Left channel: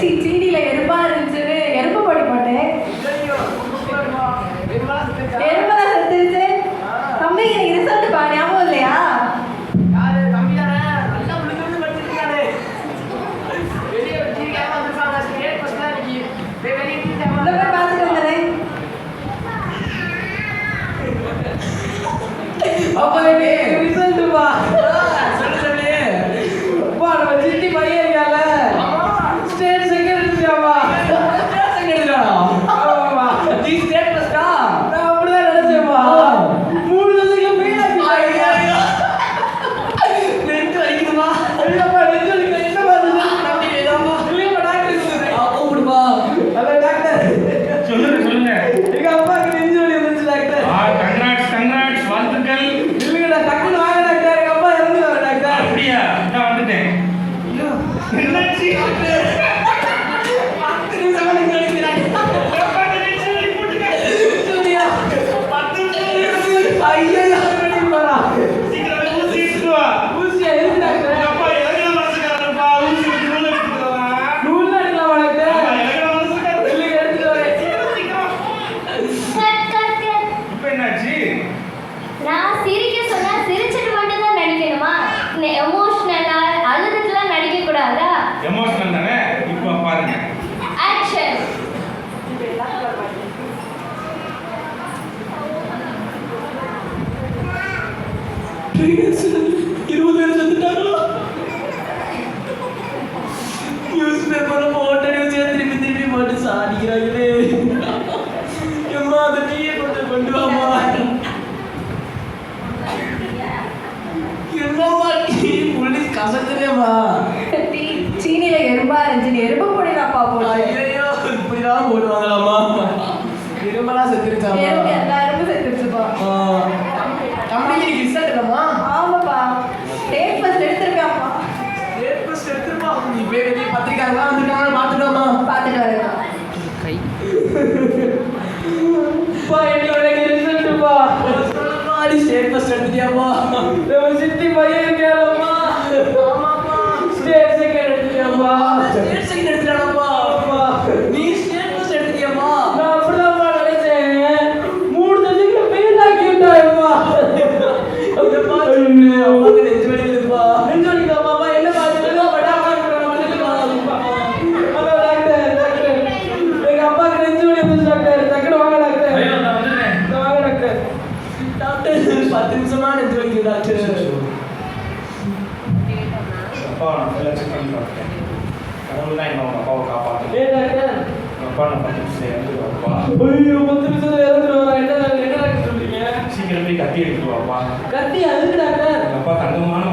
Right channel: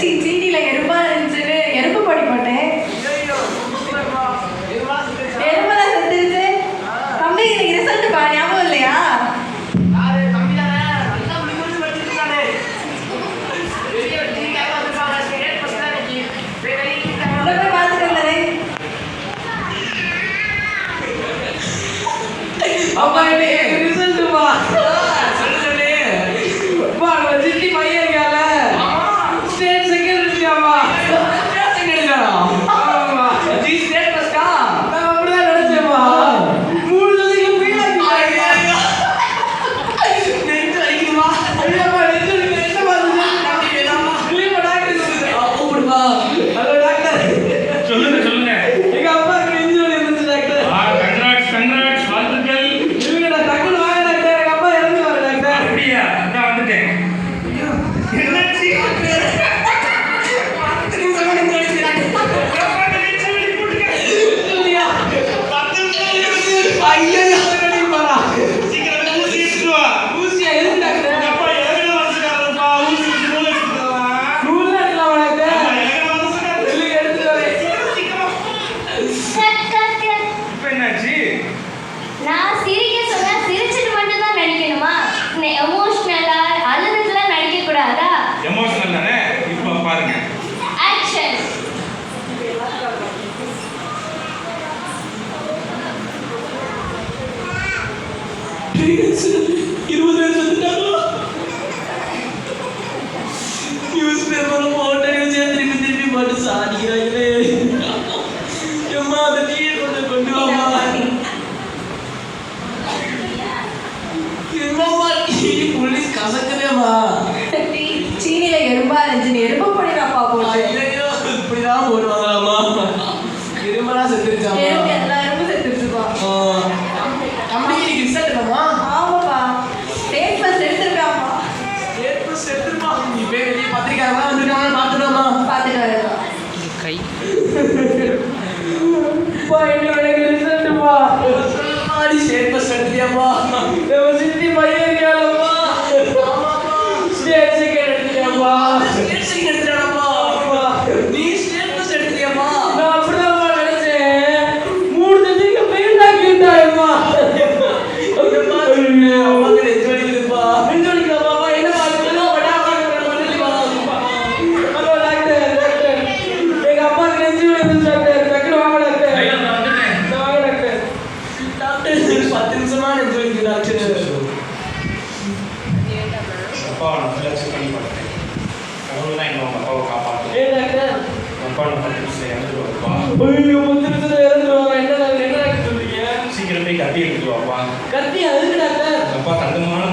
சீனியில எறும்பா இருந்துச்சுன்னு எறும்பு பொடி போட்டேன். எறும்பெல்லாம் செத்துருச்சு. தம்பி இன்னைக்கு ரிசல்ட் பா, ஞாபகம் இல்லையா? அப்பா ரிசல்ட் பா சொல்லு அப்பா நம்ம சிட்டி பையன் இருக்கால ஸ்டேட் செகண்ட் இருக்காமா ஆமா ஜி ஸ்டேட் ஃபர்ஸ்டா நான் அப்படிதான் நினைச்சேன்ப்பா. 3 தடவைக்கு ஃபெயில் ஆகிட்டாங்க. நெஞ்சு அடிக்குமா? ஐயப்பா நெஞ்சு அடிக்குது. என்ன பாருங்க அம்மா இல்லையா டாக்டர் கூப்பிடுப்பா. ஹலோ டாக்டர் சொல்லுங்க எங்க அப்பா நெஞ்சு வலி வந்துச்சு டாக்டர். கங்க்ராட்ஸ் வாழ்த்துக்கள். இல்லடா டக்குனு வாங்க டாக்டர். எங்க அப்பா இறந்து வர டாக்டர். அப்படியா? நான் வந்துட்டேன். என்னாச்சு? நான் சிரிக்க சொன்னா சிரிச்சிட்டு மட்டும் தான் நடிக்கணுமா? எமோஷனலா அழுதுட்டுலாம் நடிக்க கூடாதா? எமோஷனல் தானே? இப்போ பாருங்க. ஆக்ஷன். நியூஸ் பேப்பர்ல போட்ட நியூஸ் திருப்பி திருப்பி போட்டு சாதிக்கிறாங்களே. அம்மா அந்த டீயை கொஞ்சம் கொண்டு வாமா. என்னம்மா டீ போலீஸ் கசக்குதேம்மா. சீனியில எறும்பா இருந்துச்சுன்னு எறும்பு பொடி தான்ப்பா போட்டேன். ஐயோ இப்படிதான் போடுவாங்களாம்மா? எறும்பெல்லாம் செத்துருச்சாமா? எறும்பு எல்லா எறும்பும் செத்துருச்சுப்பா. தம்பிக்கு நீ ரிசல்ட் என்னம்மா? ஆமாப்பா, ஸ்டேட் ஃபர்ஸ்ட் எடுத்துருக்காப்பா. ஏற்பு செத்துருப்பா. நீ பேர் வெளியே பத்திரிக்காங்களா வந்திருக்காங்க பார்த்துட்டோம்மா. பார்த்துட்டு வரேன். பா என்னோட ரிசல்ட்ப்பா ஆடி ஸ்டேட் ஃபர்ஸ்ட் எடுத்தியாமா? நம்ம சிட்டி பையன் இருக்காலம்மா. ஆமாப்பா ஸ்டேட் செகண்ட் எடுத்தியாமா? ஸ்டேட் செகண்ட் எடுத்தியாமா? நீ ஸ்டேட் ஃபர்ஸ்ட் எடுத்தியாமா? நான் அப்படிதான்ப்பா நினைச்சேன். 3 தடவைக்கு ஃபெயில் ஆகிட்டாயம்மா. ஐயோ அம்மாக்கு நெஞ்சு வலிக்குதுப்பா. நெஞ்சு வலிக்குதாம்மா? என்ன பாருங்க படாமா பண்ணலப்பா. ஹலோ டாக்டர் டாக்டர் எங்க அம்மாக்கு நெஞ்சு வலிக்குது டாக்டர். டக்குனு வாங்க டாக்டர். ஐயோ, நான் வந்துட்டேன். வாங்க டாக்டர். டாக்டர் 10 நிமிஷமா நெஞ்சு வலிக்குது டாக்டர். அப்பா நான் ஃபுல்லாக செக் பண்ணி பார்த்தேன். கடவுள் தான் என்ன உங்கள் அப்பாவை காப்பாற்று. ஏ டாக்டர் அப்பா நான் 10 நிமிஷம் இறந்துடுவாப்பா. ஐயோ 10 நிமிஷத்துல இறந்துருவாங்க. என்ன டாக்டர் சொல்றீங்க? சீக்கிரம் போய் கட்டி எடுத்துருவாப்பா. கத்தி அதுக்கு டாக்டர். அப்பா தங்கமான